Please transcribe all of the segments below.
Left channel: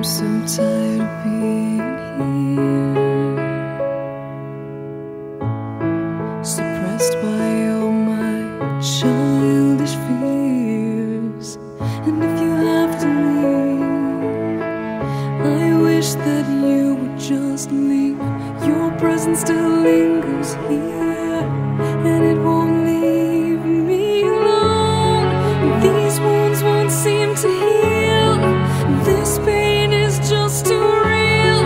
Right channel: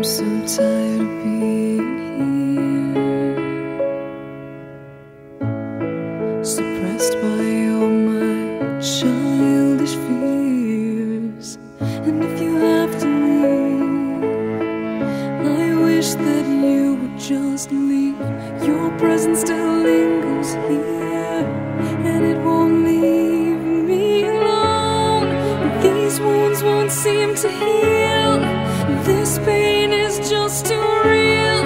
I'm so tired of being here, suppressed by all my childish fears. And if you have to leave, I wish that you would just leave. Your presence still lingers here, and it won't leave me alone. These wounds won't seem to heal. This pain is just too real.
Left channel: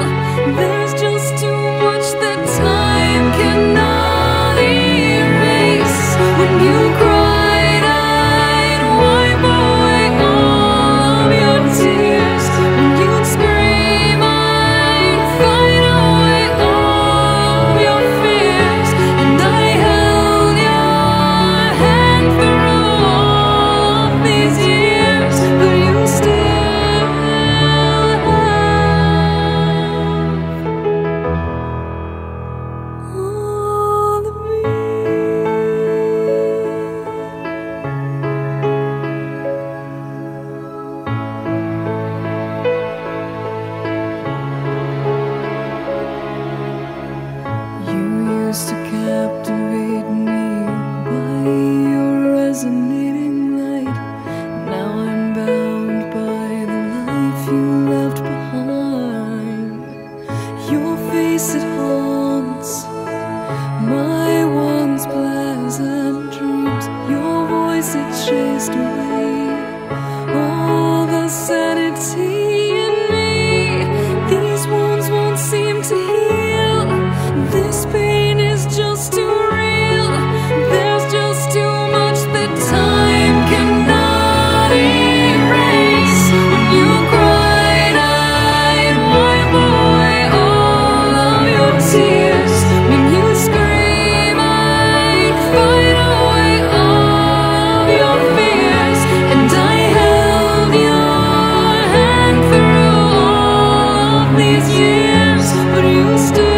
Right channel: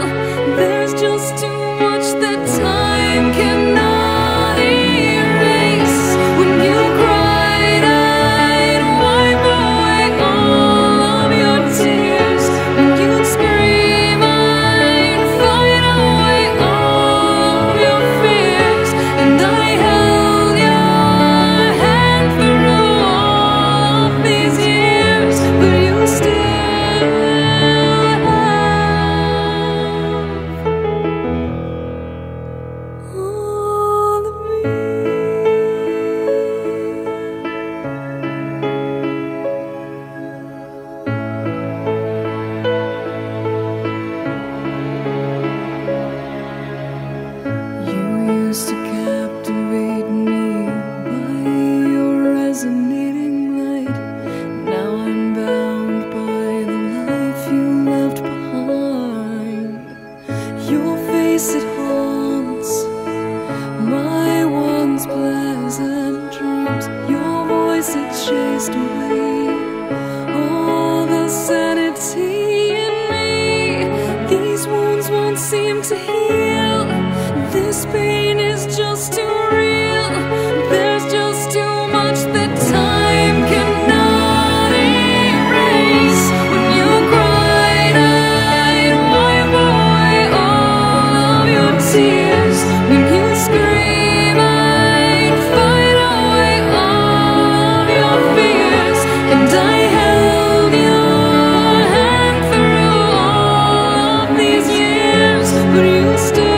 There's just too much that time cannot erase. When you cried, I'd wipe away all of your tears. When you'd scream, I'd fight away all of your fears. And I held your hand through all of these years, but you still to captivate me by your resonating light. Now I'm bound by the life you left behind. Your face, it haunts my once pleasant dreams. Your voice, it chased away all the sanity in me. These wounds won't seem to heal. This pain is just too real. There's just too much that time cannot erase. When you cried, I'd wipe away all of your tears. When you scream, I'd fight away all of your fears. And I held your hand through all of these years, but you still